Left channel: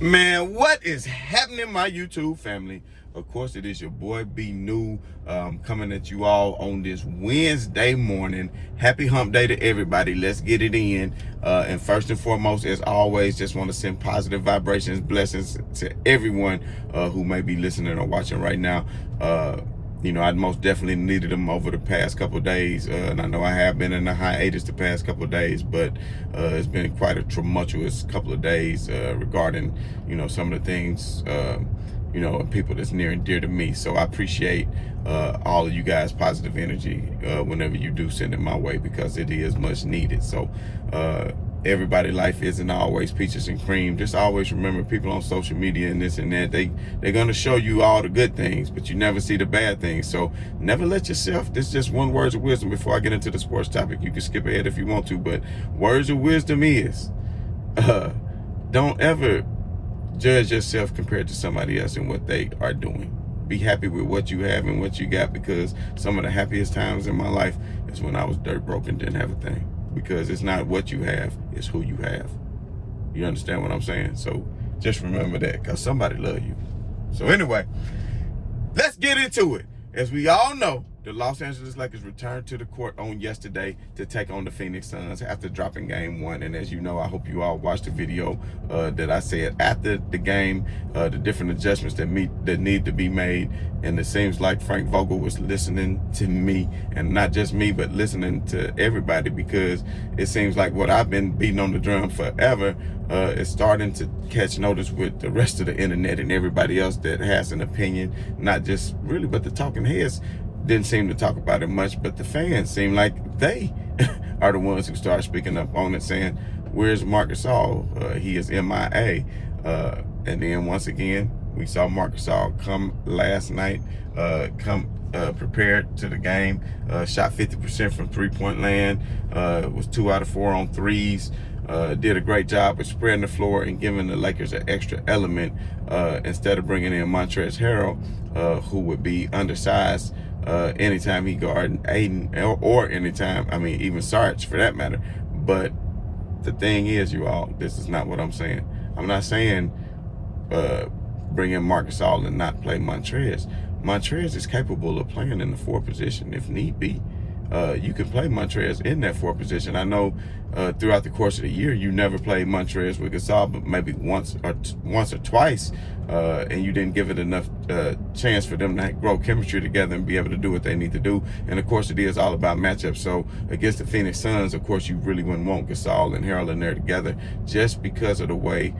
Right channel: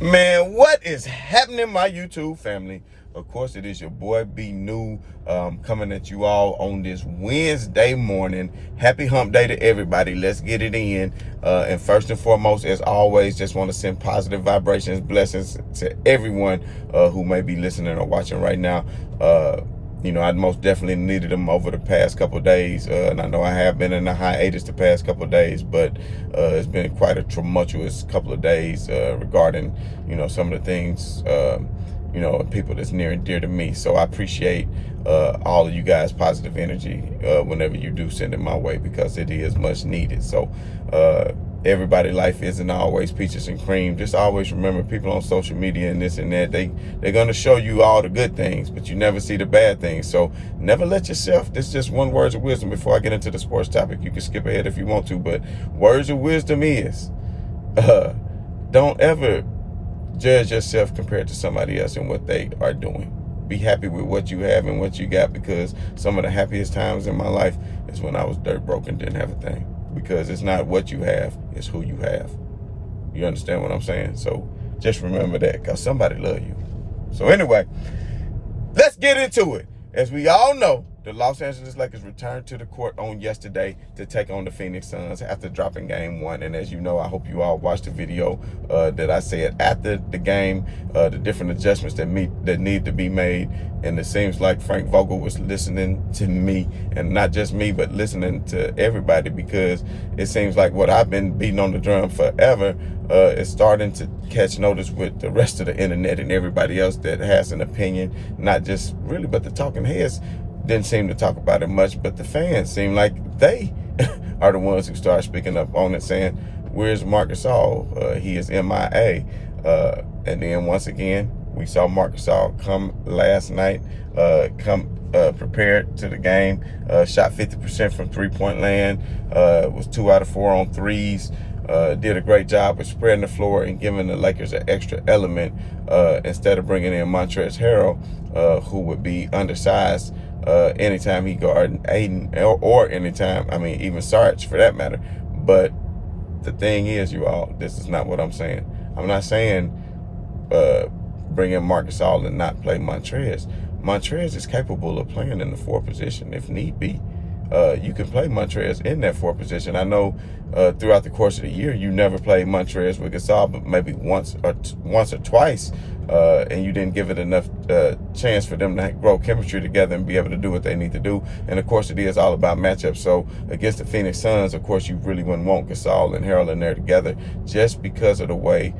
Man, what is happening, my YouTube family? Of course, it is your boy B New coming at you all on this Wednesday morning. Happy hump day to everybody. Let's get it in. And first and foremost, as always, just want to send positive vibrations, blessings to everyone who may be listening or watching right now. I most definitely needed them over the past couple of days. And I know I have been in a hiatus the past couple of days, but it's been quite a tumultuous couple of days regarding, some of the things, people that's near and dear to me. So I appreciate all of you guys' positive energy whenever you do send it my way, because it is much needed. So everybody's life isn't always peaches and cream. Just always remember, people on social media and this and that, they're going to show you all the good things, but you never see the bad things. So never let yourself, this is just one word of wisdom before I get into the sports topic. You can skip ahead if you want to, but words of wisdom is, don't ever judge yourself compared to somebody else and what they are doing. Be happy with what you have and what you got, because some of the happiest times in my life is when I was dirt broke and didn't have a thing. Because it's not what you have, it's who you have. You understand what I'm saying? So just remember that, because somebody love you. So anyway, let's get into it. As we all know, the Los Angeles Lakers returned to the court on yesterday to take on the Phoenix Suns after dropping game one. And as you know, I hope you all watched the video that I said after the game, the different adjustments that need to be made. And it seems like Frank Vogel was listening to me, and not just me, but listening to everybody, because it seems like what I've been beating on the drum forever is starting to catch notice with the rest of the internet and everybody else that has an opinion, not just really, but the talking heads didn't seem to talk about it much, but the fans seem like they are the ones who start speaking up on it, saying, where's Marc Gasol? He is MIA. And then once again, we saw Marc Gasol come last night, prepared to the game, shot 50% from three-point land, was 2 out of 4 on threes, did a great job with spreading the floor and giving the Lakers an extra element instead of bringing in Montrezl Harrell, who would be undersized anytime he guarded Aiden, or anytime, even Sarge for that matter. But the thing is, you all, this is not what I'm saying. I'm not saying bring in Marc Gasol and not play Montrezl. Montrezl is capable of playing in the 4 position if need be. You can play Montrezl in that 4 position. I know throughout the course of the year, you never played Montrezl with Gasol, but maybe once or twice, and you didn't give it enough chance for them to grow chemistry together and be able to do what they need to do. And of course, it is all about matchups. So against the Phoenix Suns, of course, you really wouldn't want Gasol and Harrell in there together, just because of the way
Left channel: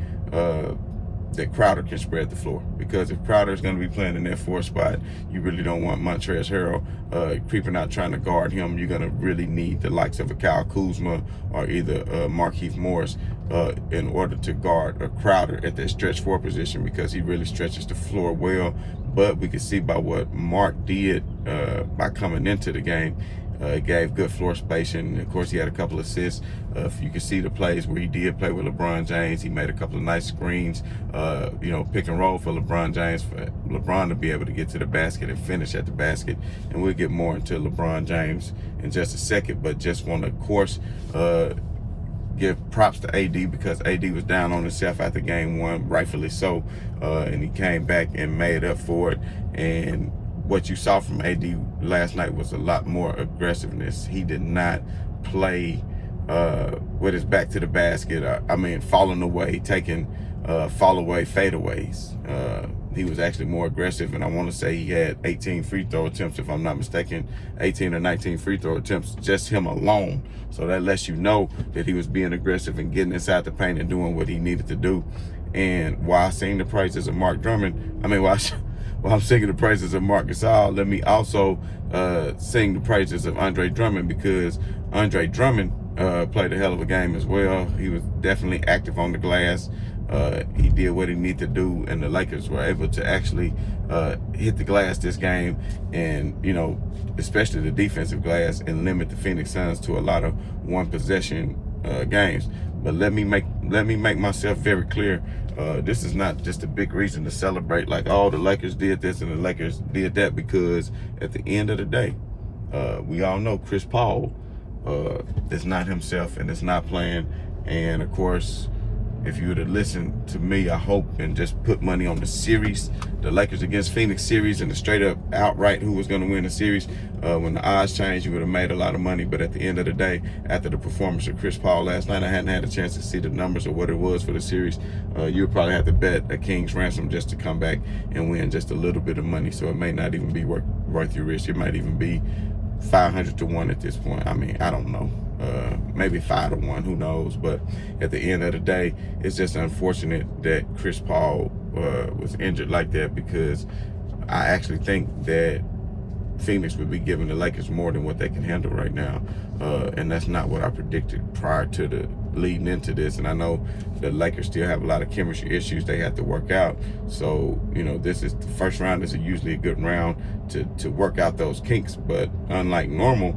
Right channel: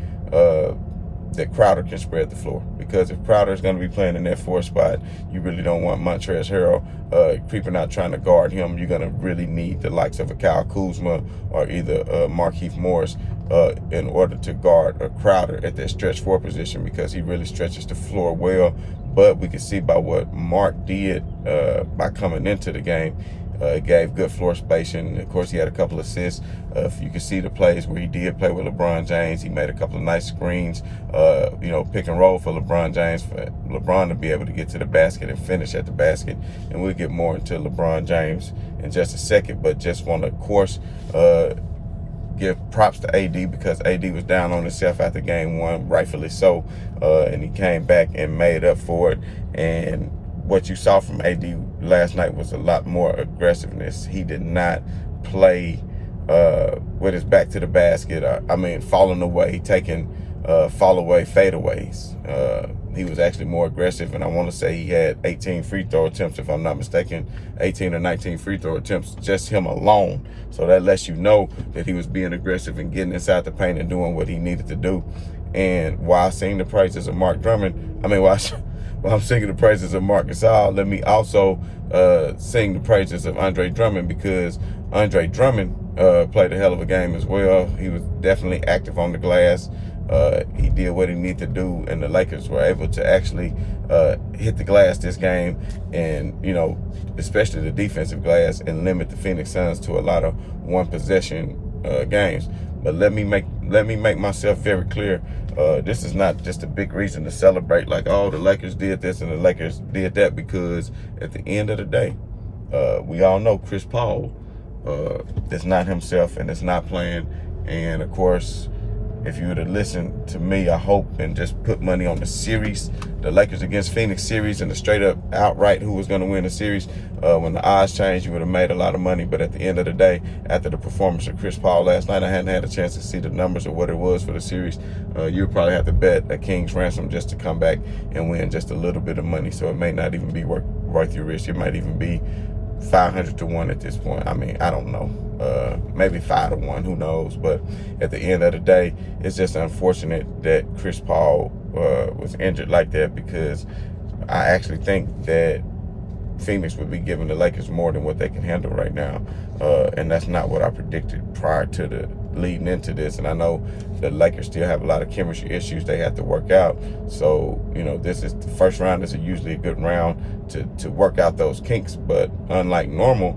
that Crowder can spread the floor. Because if Crowder is going to be playing in that 4 spot, you really don't want Montrezl Harrell creeping out trying to guard him. You're going to really need the likes of a Kyle Kuzma or either Markieff Morris in order to guard a Crowder at that stretch 4 position, because he really stretches the floor well. But we can see by what Mark did by coming into the game, gave good floor spacing. Of course, he had a couple of assists. You can see the plays where he did play with LeBron James. He made a couple of nice screens, pick and roll for LeBron James, for LeBron to be able to get to the basket and finish at the basket. And we'll get more into LeBron James in just a second, but just want to, of course, give props to AD, because AD was down on himself after game one, rightfully so, and he came back and made up for it. And what you saw from AD last night was a lot more aggressiveness. He did not play with his back to the basket. Falling away, taking fall away fadeaways. He was actually more aggressive, and I want to say he had 18 free throw attempts, if I'm not mistaken, 18 or 19 free throw attempts, just him alone. So that lets you know that he was being aggressive and getting inside the paint and doing what he needed to do. And while singing the praises of while I'm singing the praises of Marc Gasol, let me also sing the praises of Andre Drummond, because Andre Drummond played a hell of a game as well. He was definitely active on the glass. He did what he needed to do, and the Lakers were able to actually hit the glass this game, and especially the defensive glass, and limit the Phoenix Suns to a lot of one-possession games. But let me make myself very clear. This is not just a big reason to celebrate like, oh, the Lakers did this and the Lakers did that, because at the end of the day, we all know Chris Paul is not himself and is not playing. And of course, if you would have listened to me, I hope, and just put money on the series, the Lakers against Phoenix series, and the straight up outright who was going to win the series, when the odds changed, you would have made a lot of money. But at the end of the day, after the performance of Chris Paul last night, I hadn't had a chance to see the numbers or what it was for the series. You would probably have to bet a king's ransom just to come back and win just a little bit of money. So it may not even be worth your risk. It might even be 500 to 1 at this point. I mean, I don't know. Maybe 5 to 1, who knows? But at the end of the day, it's just unfortunate that Chris Paul was injured like that, because I actually think that Phoenix would be giving the Lakers more than what they can handle right now. And that's not what I predicted prior to the leading into this. And I know the Lakers still have a lot of chemistry issues they have to work out. So, this is the first round is usually a good round to work out those kinks. But unlike normal,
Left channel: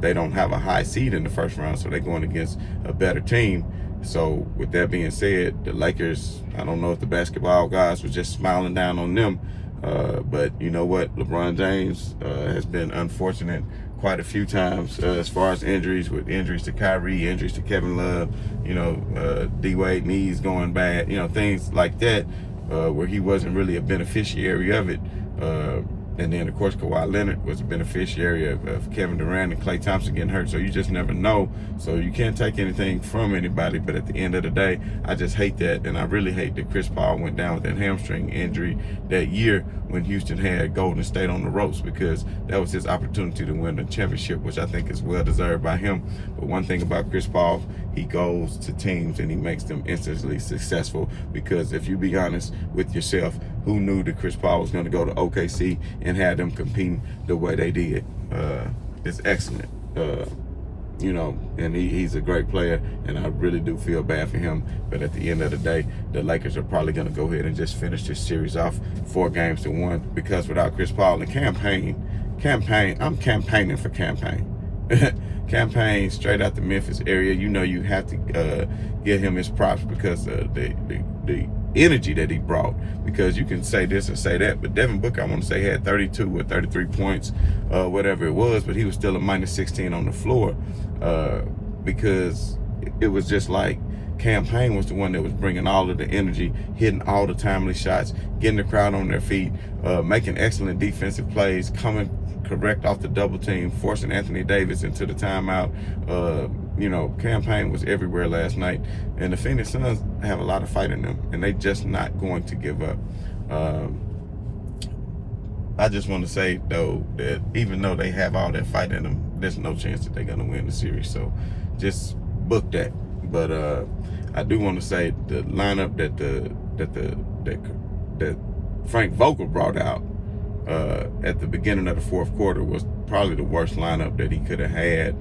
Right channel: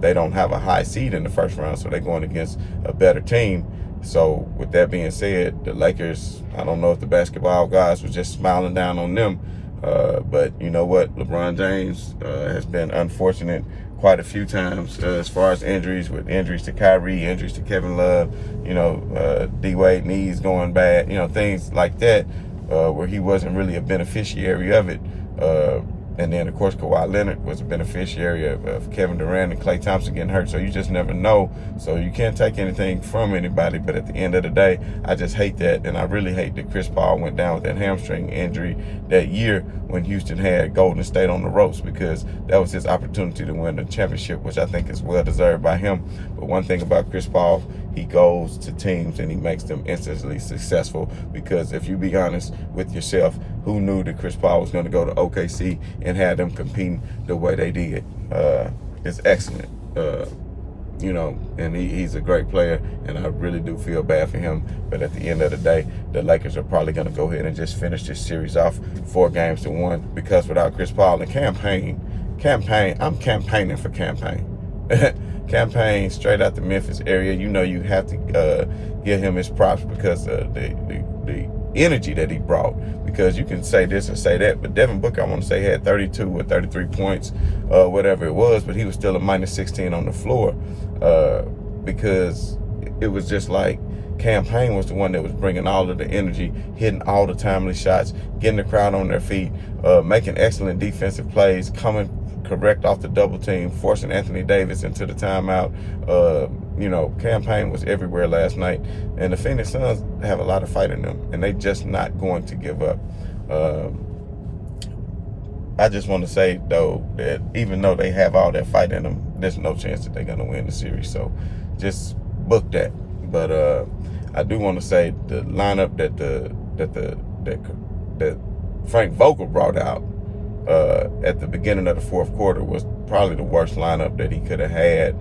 they don't have a high seed in the first round, so they're going against a better team. So with that being said, the Lakers, I don't know if the basketball guys were just smiling down on them. But you know what? LeBron James has been unfortunate quite a few times as far as injuries, with injuries to Kyrie, injuries to Kevin Love, D-Wade knees going bad, things like that, where he wasn't really a beneficiary of it. And then, of course, Kawhi Leonard was a beneficiary of Kevin Durant and Klay Thompson getting hurt. So you just never know. So you can't take anything from anybody. But at the end of the day, I just hate that. And I really hate that Chris Paul went down with that hamstring injury that year when Houston had Golden State on the ropes, because that was his opportunity to win the championship, which I think is well deserved by him. But one thing about Chris Paul, he goes to teams and he makes them instantly successful. Because if you be honest with yourself, who knew that Chris Paul was going to go to OKC and have them competing the way they did? It's excellent. And he's a great player, and I really do feel bad for him. But at the end of the day, the Lakers are probably going to go ahead and just finish this series off 4 games to 1, because without Chris Paul and campaign, I'm campaigning for campaign. Campaign straight out the Memphis area. You have to give him his props because the energy that he brought. Because you can say this and say that, but Devin Booker, I want to say, had 32 or 33 points, whatever it was, but he was still a minus 16 on the floor, because it was just like Campaign was the one that was bringing all of the energy, hitting all the timely shots, getting the crowd on their feet, making excellent defensive plays, coming correct off the double team, forcing Anthony Davis into the timeout. Campaign was everywhere last night, and the Phoenix Suns have a lot of fight in them, and they just not going to give up. I just want to say, though, that even though they have all that fight in them, there's no chance that they're going to win the series. So just book that. But I do want to say the lineup that Frank Vogel brought out at the beginning of the fourth quarter was probably the worst lineup that he could have had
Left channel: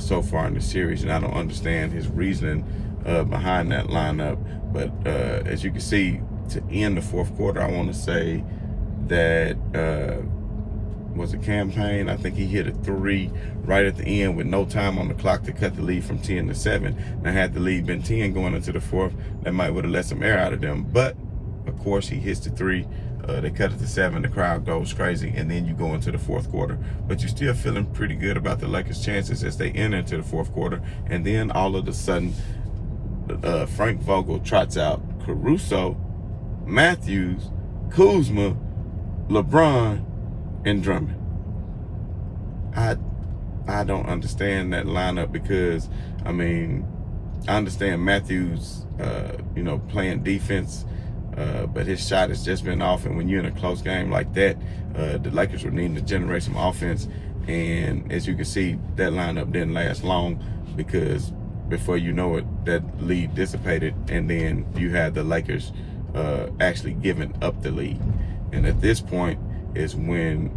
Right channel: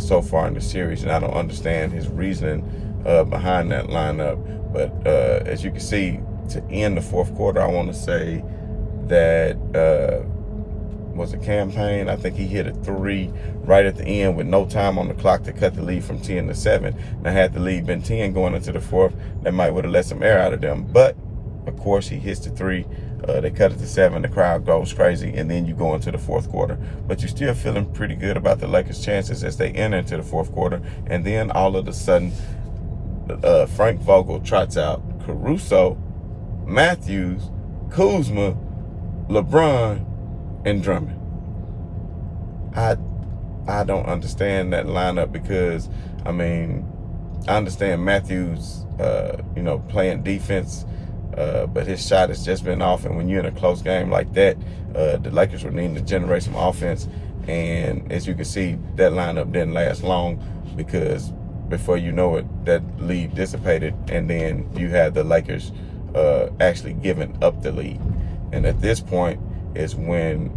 so far in the series, and I don't understand his reasoning behind that lineup. But as you can see, to end the fourth quarter, I want to say that was a Campaign. I think he hit a 3 right at the end with no time on the clock to cut the lead from 10 to 7. Now, had the lead been 10 going into the fourth, that might would have let some air out of them. But of course, he hits the 3. They cut it to 7. The crowd goes crazy, and then you go into the fourth quarter. But you're still feeling pretty good about the Lakers' chances as they enter into the fourth quarter. And then all of a sudden, Frank Vogel trots out Caruso, Matthews, Kuzma, LeBron, and Drummond. I don't understand that lineup, because I understand Matthews, playing defense. But his shot has just been off, and when you're in a close game like that, the Lakers were needing to generate some offense. And as you can see, that lineup didn't last long, because before you know it, that lead dissipated, and then you had the Lakers actually giving up the lead. And at this point is when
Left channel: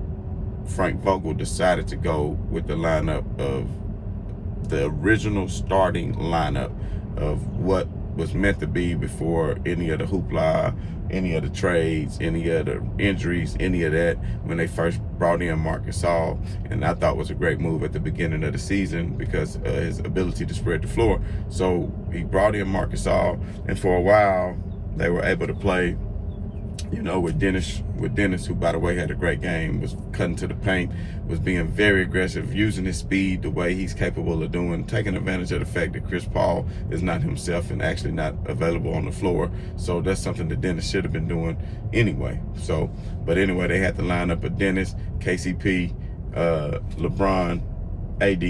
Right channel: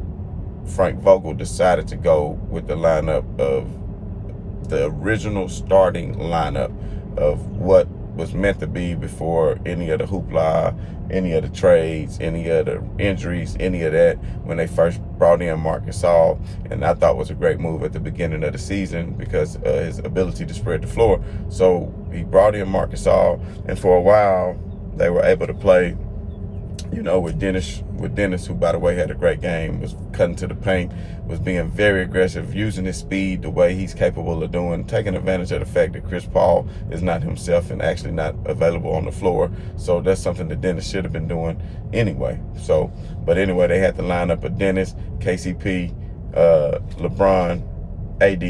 Frank Vogel decided to go with the lineup of the original starting lineup of what was meant to be before any of the hoopla, any of the trades, any of the injuries, any of that, when they first brought in Marc Gasol. And I thought was a great move at the beginning of the season because his ability to spread the floor. So he brought in Marc Gasol, and for a while they were able to play with Dennis, who by the way had a great game, was cutting to the paint, was being very aggressive, using his speed the way he's capable of doing, taking advantage of the fact that Chris Paul is not himself and actually not available on the floor. So that's something that Dennis should have been doing anyway. But anyway, they had the lineup of Dennis, KCP, LeBron, AD,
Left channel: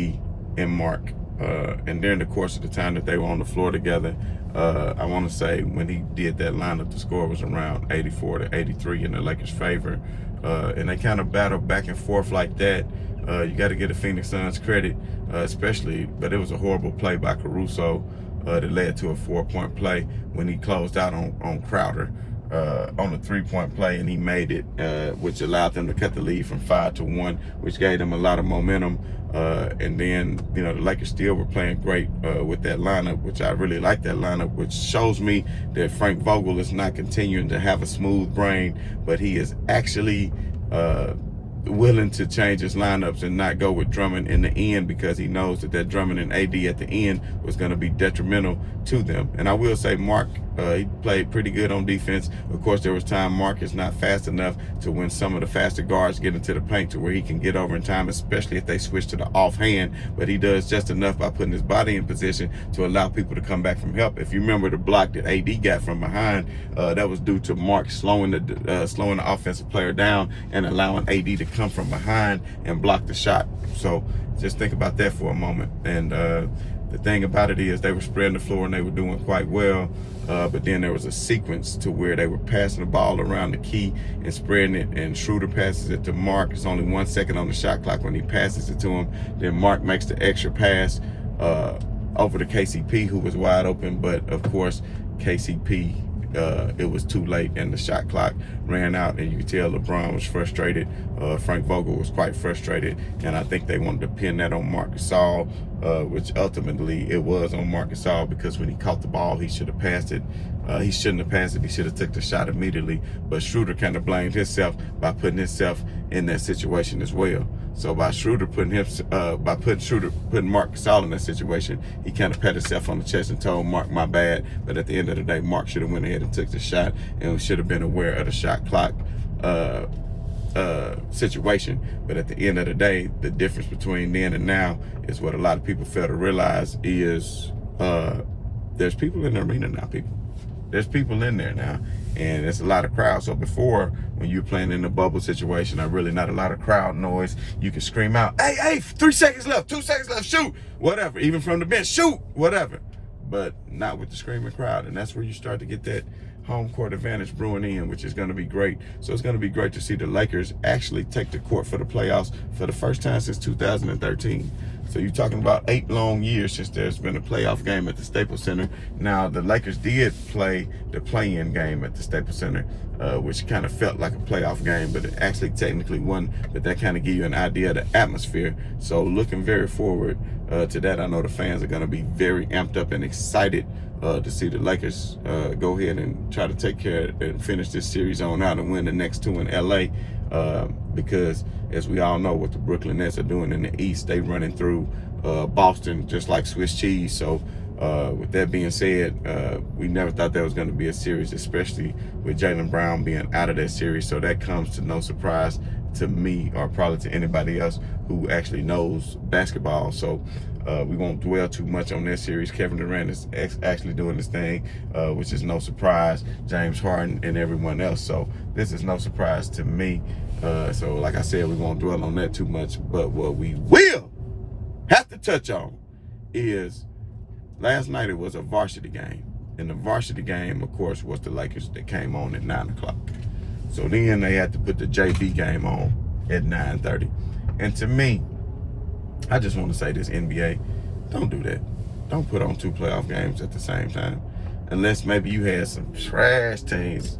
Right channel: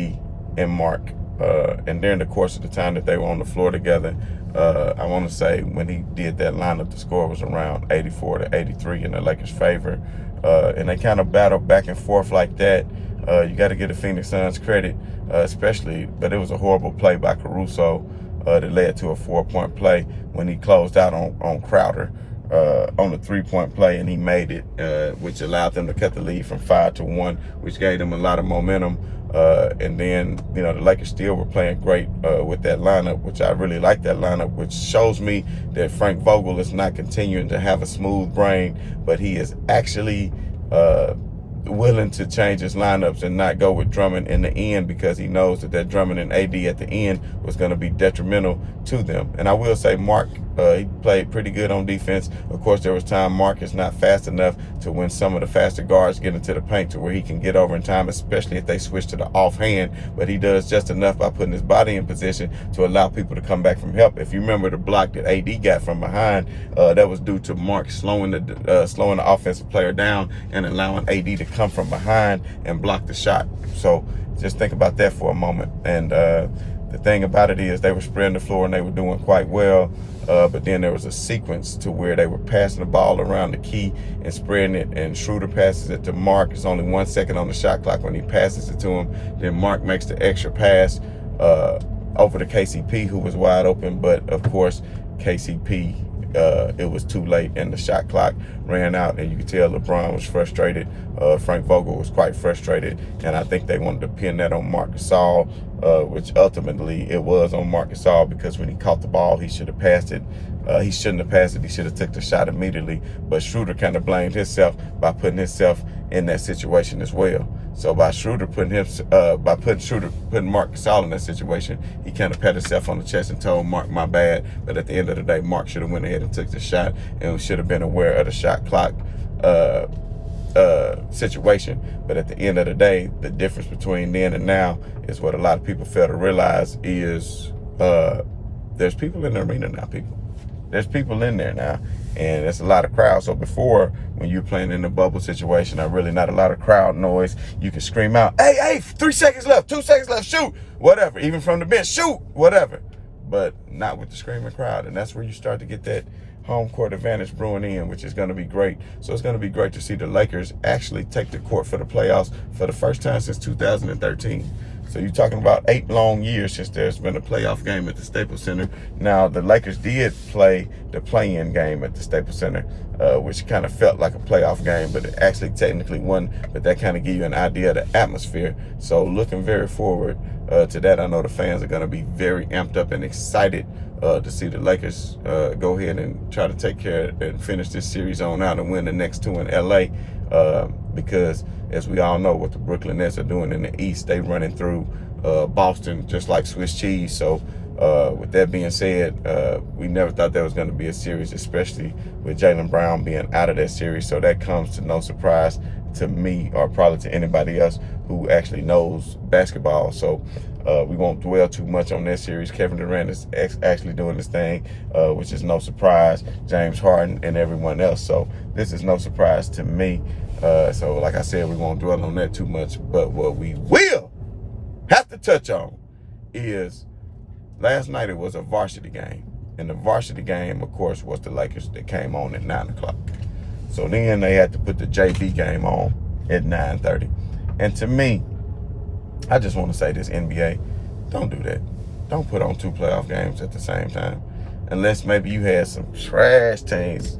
and Mark. And during the course of the time that they were on the floor together, I want to say when he did that lineup, the score was around 84-83 in the Lakers' favor. And they kind of battled back and forth like that. You got to give the Phoenix Suns credit, especially, but it was a horrible play by Caruso that led to a 4-point play when he closed out on Crowder on a 3-point play, and he made it, which allowed them to cut the lead from 5-1, which gave them a lot of momentum. And then, the Lakers still were playing great with that lineup, which I really like that lineup, which shows me that Frank Vogel is not continuing to have a smooth brain, but he is actually willing to change his lineups and not go with Drummond in the end, because he knows that Drummond and AD at the end was going to be detrimental to them. And I will say Mark, he played pretty good on defense. Of course, there was time Mark is not fast enough to when some of the faster guards get into the paint to where he can get over in time, especially if they switch to the offhand. But he does just enough by putting his body in position to allow people to come back from help. If you remember the block that AD got from behind, that was due to Mark slowing the offensive player down and allowing AD to come from behind and block the shot. So just think about that for a moment. And the thing about it is they were spreading the floor and they were doing quite well. But then there was a sequence to where they were passing the ball around the key and spreading it, and Schroeder passes it to Mark. It's only 1 second on the shot clock when he passes it to him. Then Mark makes the extra pass over to KCP, who was wide open. But of course, KCP, it was too late and the shot clock ran out, and you could tell LeBron was frustrated. Frank Vogel was quite frustrated, and I think they wanted to pin that on Marc Gasol, which ultimately it was on Marc Gasol, because when he caught the ball, he should have passed it. He shouldn't have passed it. He should have took the shot immediately. But Schroeder kind of blamed himself by putting himself in that situation as well. So by putting Marc Gasol in that situation, he kind of pat himself on the chest and told Mark, "My bad." But at the end of the day, Mark should have went ahead and took the shot and should have been aware of the shot clock situation. But at the end of the day, the difference between then and now is what a lot of people fail to realize is there's people in the arena now, There's people in there now, and there's a lot of crowd. So before, when you're playing in the bubble situation, really not a lot of crowd noise, you can scream out, hey, 3 seconds left, 2 seconds left, shoot, whatever. Even from the bench, shoot, whatever. But not with the screaming crowd, and that's where you start to get that home court advantage brewing in, which is going to be great. So it's going to be great to see the Lakers actually take the court for the playoffs for the first time since 2013. So you're talking about 8 long years since there's been a playoff game at the Staples Center. Now, the Lakers did play the play-in game at the Staples Center, which kind of felt like a playoff game, but it actually technically wasn't. But that kind of gives you an idea of the atmosphere. So looking very forward to that. I know the fans are going to be very amped up and excited to see the Lakers go ahead and try to take care of and finish this series on out and win the next 2 in LA, because as we all know what the Brooklyn Nets are doing in the East, they running through Boston just like Swiss cheese. So with that being said, we never thought there was going to be a series, especially with Jaylen Brown being out of that series. So that comes to no surprise to me, or probably to anybody else who actually knows basketball. So we won't dwell too much on that series. Kevin Durant is actually doing his thing, which is no surprise. James Harden and everyone else. So this is no surprise to me. So like I said, we won't dwell on that too much. But what we will have to touch on is last night it was a varsity game. And the varsity game, of course, was the Lakers that came on at 9 o'clock. So then they had to put the JV game on at 9:30. And to me, I just want to say this, NBA, don't do that. Don't put on 2 playoff games at the same time. Unless maybe you had some trash teams,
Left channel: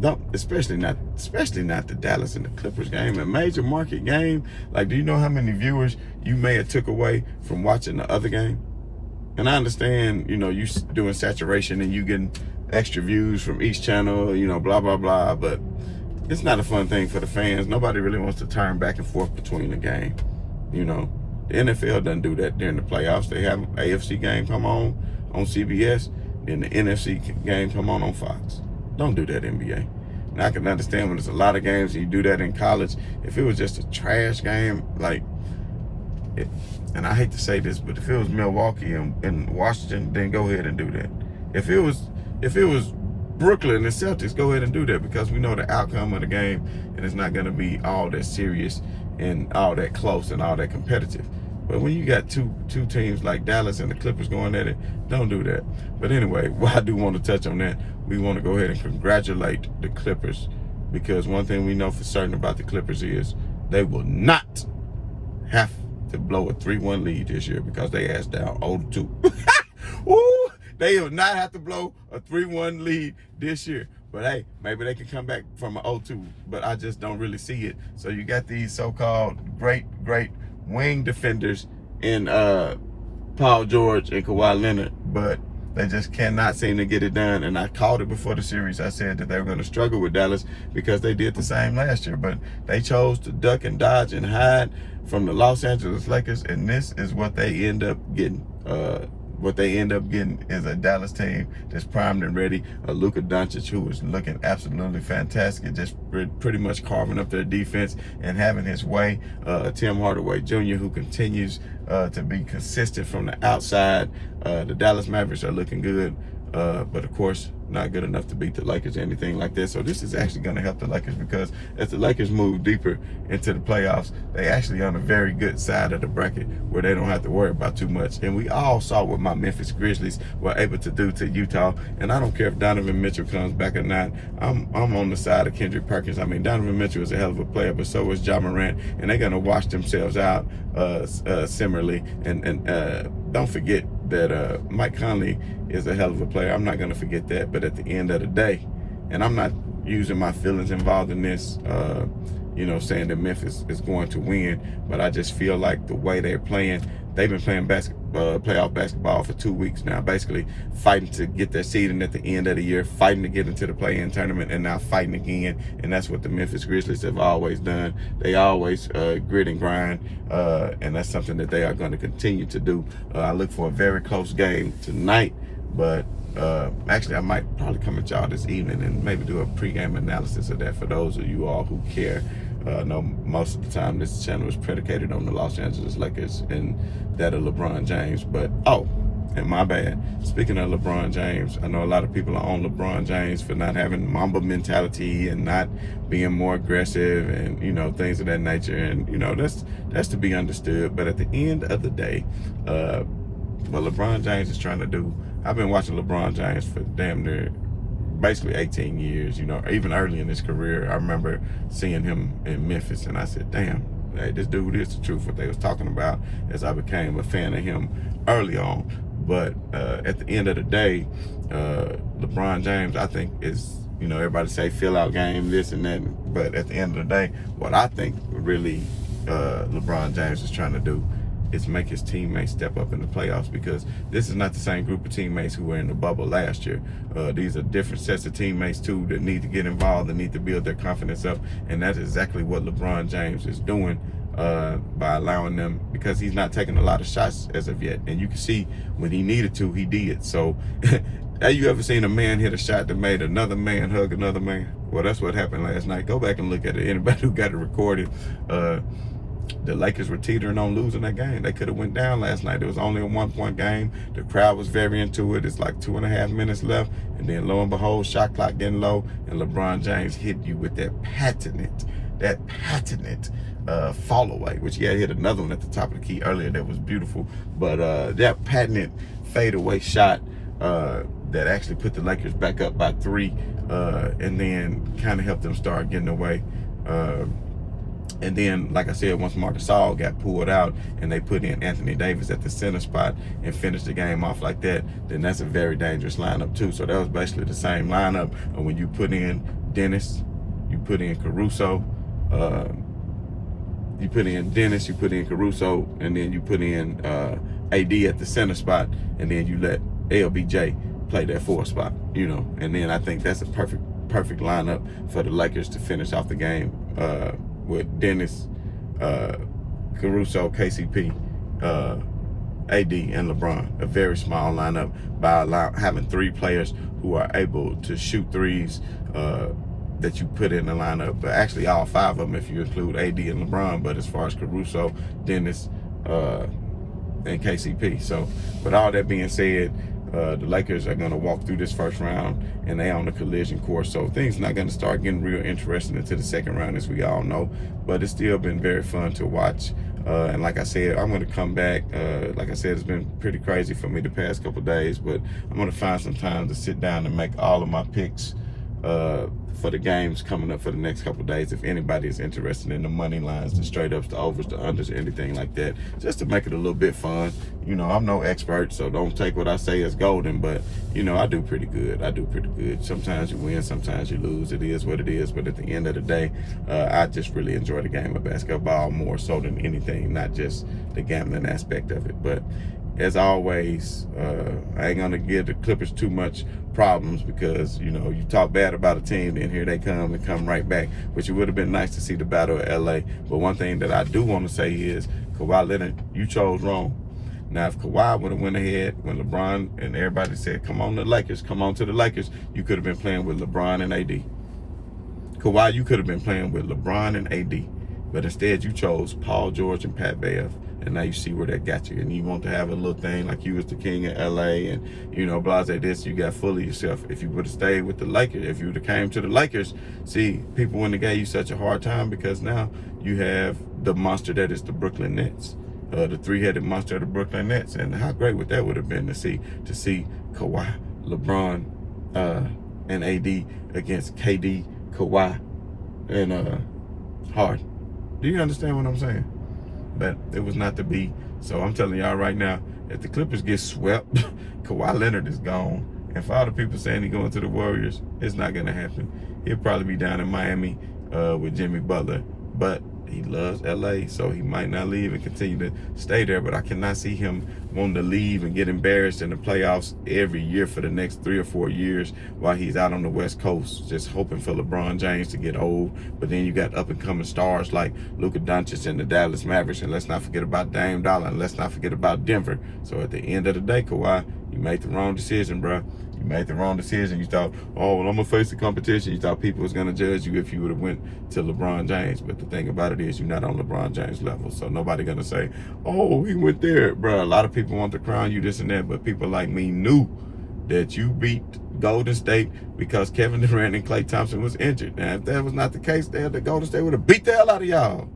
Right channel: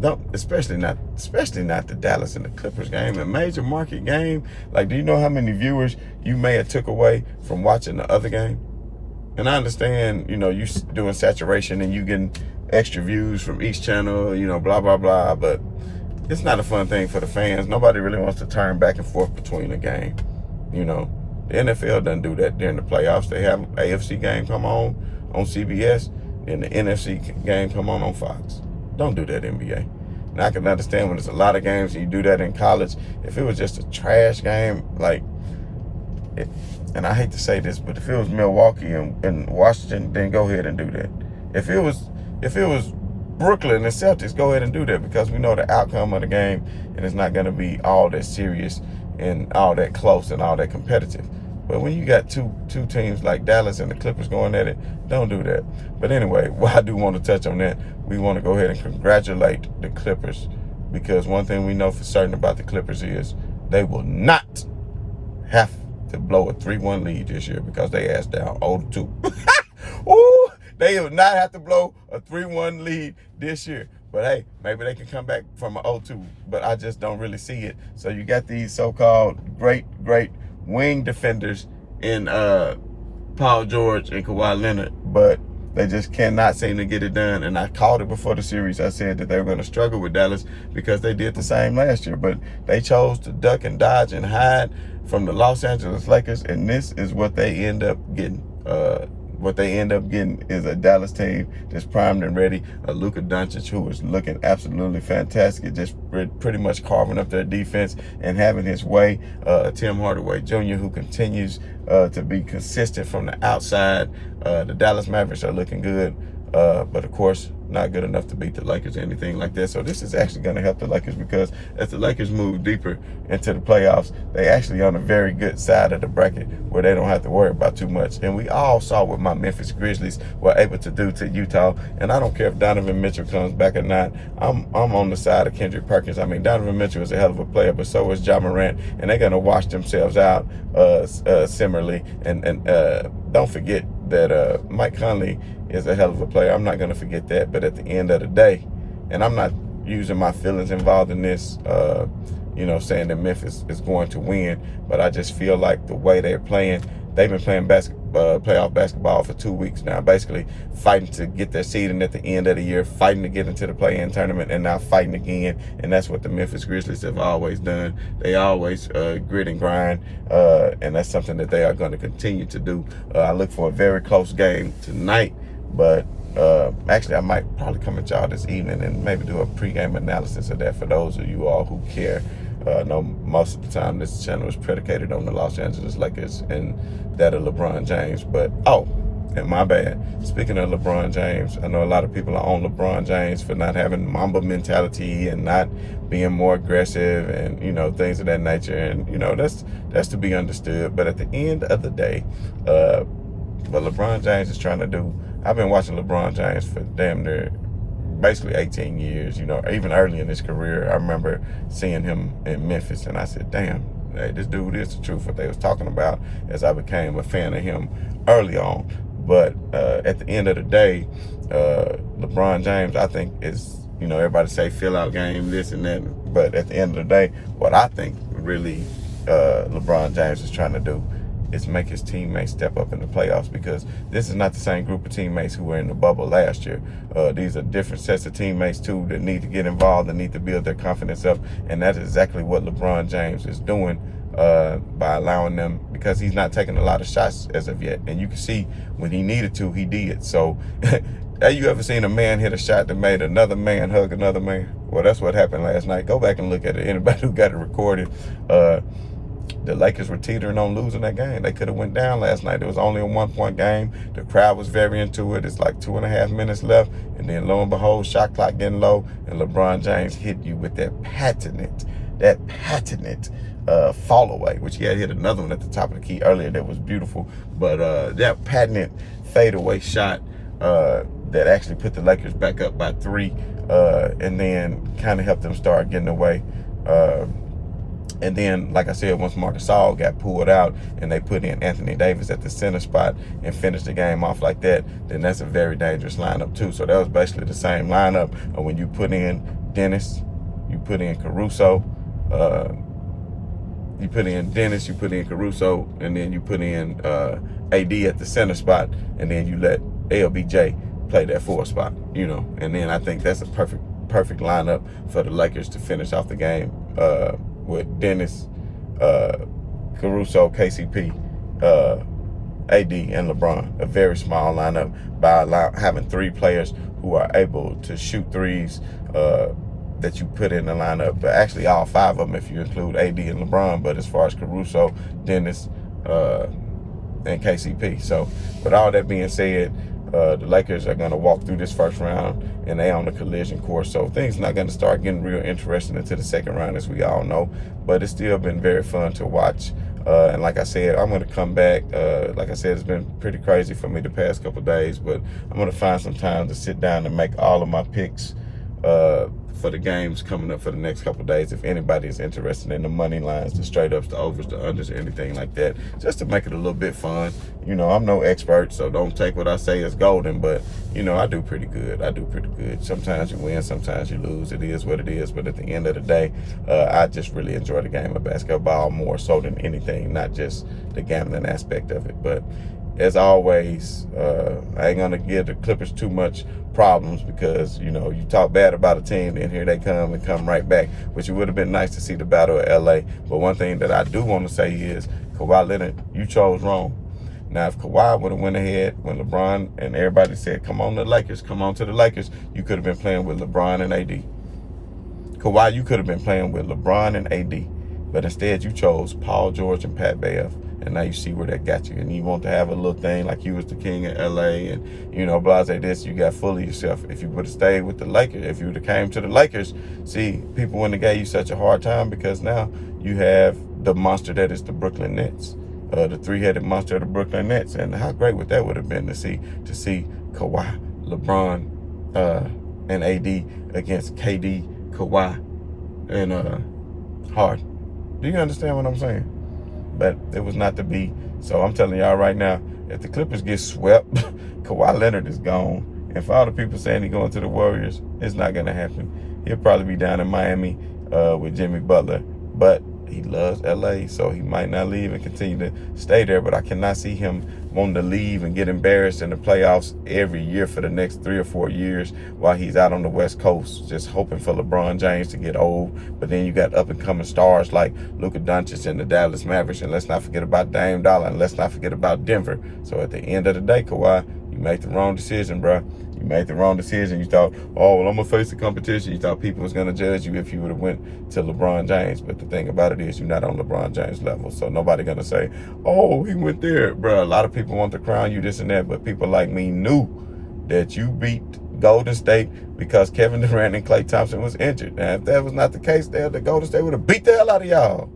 don't, especially not the Dallas and the Clippers game, a major market game. Like, do you know how many viewers you may have took away from watching the other game? And I understand, you doing saturation and you getting extra views from each channel, blah, blah, blah. But it's not a fun thing for the fans. Nobody really wants to turn back and forth between the game. The NFL doesn't do that during the playoffs. They have an AFC game come on CBS, and the NFC game come on Fox. Don't do that, NBA. Now, I can understand when there's a lot of games and you do that in college. If it was just a trash game, and I hate to say this, but if it was Milwaukee and Washington, then go ahead and do that. If it was Brooklyn and Celtics, go ahead and do that, because we know the outcome of the game, and it's not going to be all that serious and all that close and all that competitive. But when you got two teams like Dallas and the Clippers going at it, don't do that. But anyway, I do want to touch on that. We want to go ahead and congratulate the Clippers, because one thing we know for certain about the Clippers is they will not have to blow a 3-1 lead this year, because they ass down 0-2. Ooh, they will not have to blow a 3-1 lead this year. But hey, maybe they can come back from an 0-2, but I just don't really see it. So you got these so-called great wing defenders in Paul George and Kawhi Leonard, but they just cannot seem to get it done. And I called it before the series. I said that they were going to struggle with Dallas, because they did the same last year, but they chose to duck and dodge and hide from the Los Angeles Lakers, and this is what they end up getting. What they end up getting is a Dallas team that's primed and ready. Luka Doncic, who is looking absolutely fantastic, just pretty much carving up their defense and having his way. Tim Hardaway Jr., who continues to be consistent from the outside. The Dallas Mavericks are looking good, but of course, not good enough to beat the Lakers or anything like that. So this is actually going to help the Lakers, because as the Lakers move deeper into the playoffs, they actually on a very good side of the bracket where they don't have to worry about too much. And we all saw what my Memphis Grizzlies were able to do to Utah. And I don't care if Donovan Mitchell comes back or not. I'm on the side of Kendrick Perkins. I mean, Donovan Mitchell is a hell of a player, but so is Ja Morant, and they're going to wash themselves out similarly. And don't forget that Mike Conley is a hell of a player. I'm not going to forget that. But at the end of the day, and I'm not using my feelings involved in this, saying that Memphis is going to win, but I just feel like the way they're playing, they've been playing playoff basketball for 2 weeks now, basically fighting to get their seeding at the end of the year, fighting to get into the play-in tournament, and now fighting again. And that's what the Memphis Grizzlies have always done. They always grit and grind, and that's something that they are going to continue to do. I look for a very close game tonight, but actually I might probably come at y'all this evening and maybe do a pregame analysis of that for those of you all who care. I know most of the time this channel is predicated on the Los Angeles Lakers and that of LeBron James, but and my bad. Speaking of LeBron James, I know a lot of people are on LeBron James for not having Mamba mentality and not being more aggressive and, things of that nature. And, that's to be understood. But at the end of the day, what LeBron James is trying to do, I've been watching LeBron James for damn near basically 18 years, even early in his career. I remember seeing him in Memphis, and I said, damn, hey, this dude is the truth, what they was talking about, as I became a fan of him early on. But at the end of the day, LeBron James, I think, is, everybody say fill out game, this and that. But at the end of the day, what I think really LeBron James is trying to do is make his teammates step up in the playoffs, because this is not the same group of teammates who were in the bubble last year. These are different sets of teammates too that need to get involved and need to build their confidence up, and that's exactly what LeBron James is doing by allowing them, because he's not taking a lot of shots as of yet, and you can see when he needed to, he did. So have you ever seen a man hit a shot that made another man hug another man? Well, that's what happened last night. Go back and look at it. Anybody who got it recorded, the Lakers were teetering on losing that game. They could have went down last night. It was only a 1-point game. The crowd was very into it. It's like 2.5 minutes left. And then lo and behold, shot clock getting low. And LeBron James hit you with that patented fall away, which he had hit another one at the top of the key earlier that was beautiful. But that patented fadeaway shot that actually put the Lakers back up by 3 and then kind of helped them start getting away. And then, like I said, once Marc Gasol got pulled out and they put in Anthony Davis at the center spot and finished the game off like that, then that's a very dangerous lineup too. So that was basically the same lineup. When you put in Dennis, you put in Caruso, you put in Caruso, and then you put in AD at the center spot, and then you let LBJ play that 4 spot, and then I think that's a perfect lineup for the Lakers to finish off the game with Dennis, Caruso, KCP, AD, and LeBron. A very small lineup by having 3 players who are able to shoot threes that you put in the lineup. But actually, all 5 of them if you include AD and LeBron. But as far as Caruso, Dennis, and KCP. So with all that being said, the Lakers are going to walk through this first round, and they on the collision course. So things not going to start getting real interesting into the second round, as we all know. But it's still been very fun to watch. And like I said, I'm going to come back. Like I said, it's been pretty crazy for me the past couple of days, but I'm going to find some time to sit down and make all of my picks for the games coming up for the next couple of days. If anybody is interested in the money lines, the straight ups, the overs, the unders, or anything like that, just to make it a little bit fun. You know, I'm no expert, so don't take what I say as golden, but, you know, I do pretty good. Sometimes you win, sometimes you lose. It is what it is, but at the end of the day, I just really enjoy the game of basketball more so than anything, not just the gambling aspect of it. But as always, I ain't gonna give the Clippers too much problems because, you know, you talk bad about a team, then here they come right back, which it would have been nice to see the battle of LA. But one thing that I do want to say is, Kawhi Leonard, you chose wrong. Now, if Kawhi would have went ahead when LeBron and everybody said, come on to the Lakers, you could have been playing with LeBron and AD. Kawhi, you could have been playing with LeBron and AD. But instead, you chose Paul George and Pat Bev. And now you see where that got you. And you want to have a little thing like you was the king of LA and, you know, blase this, you got full of yourself. If you would have stayed with the Lakers, if you would have came to the Lakers, see, people wouldn't have gave you such a hard time because now you have the monster that is the Brooklyn Nets, the 3-headed monster of the Brooklyn Nets. And how great would that would have been to see Kawhi, LeBron, and AD against KD, Kawhi, and Harden. Do you understand what I'm saying? But it was not to be. So I'm telling y'all right now, if the Clippers get swept, Kawhi Leonard is gone. And for all the people saying he's going to the Warriors, it's not going to happen. He'll probably be down in Miami with Jimmy Butler. But he loves LA, so he might not leave and continue to stay there. But I cannot see him wanting to leave and get embarrassed in the playoffs every year for the next 3 or 4 years while he's out on the West Coast, just hoping for LeBron James to get old. But then you got up-and-coming stars like Luka Doncic and the Dallas Mavericks, and let's not forget about Dame Dollar, and let's not forget about Denver. So at the end of the day, Kawhi, you made the wrong decision, bro. You made the wrong decision. You thought, oh, well, I'm going to face the competition. You thought people was going to judge you if you would have went to LeBron James. But the thing about it is you're not on LeBron James level. So nobody going to say, oh, he went there. Bro, a lot of people want to crown you this and that. But people like me knew that you beat Golden State because Kevin Durant and Klay Thompson was injured. Now, if that was not the case, the Golden State would have beat the hell out of y'all.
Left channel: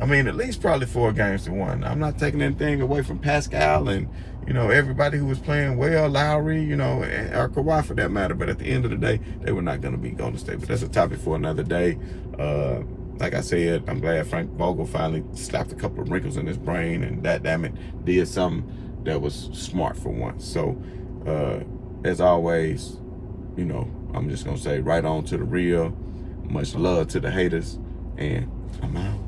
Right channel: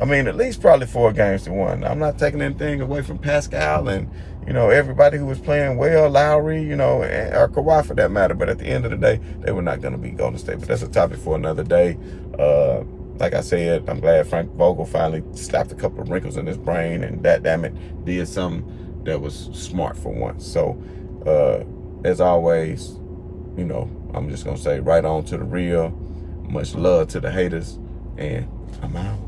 I mean, at least probably 4 games to 1. I'm not taking anything away from Pascal and, you know, everybody who was playing well, Lowry, you know, or Kawhi for that matter. But at the end of the day, they were not going to beat Golden State. But that's a topic for another day. Like I said, I'm glad Frank Vogel finally slapped a couple of wrinkles in his brain and that, damn it, did something that was smart for once. So, as always, you know, I'm just going to say right on to the real. Much love to the haters. And I'm out.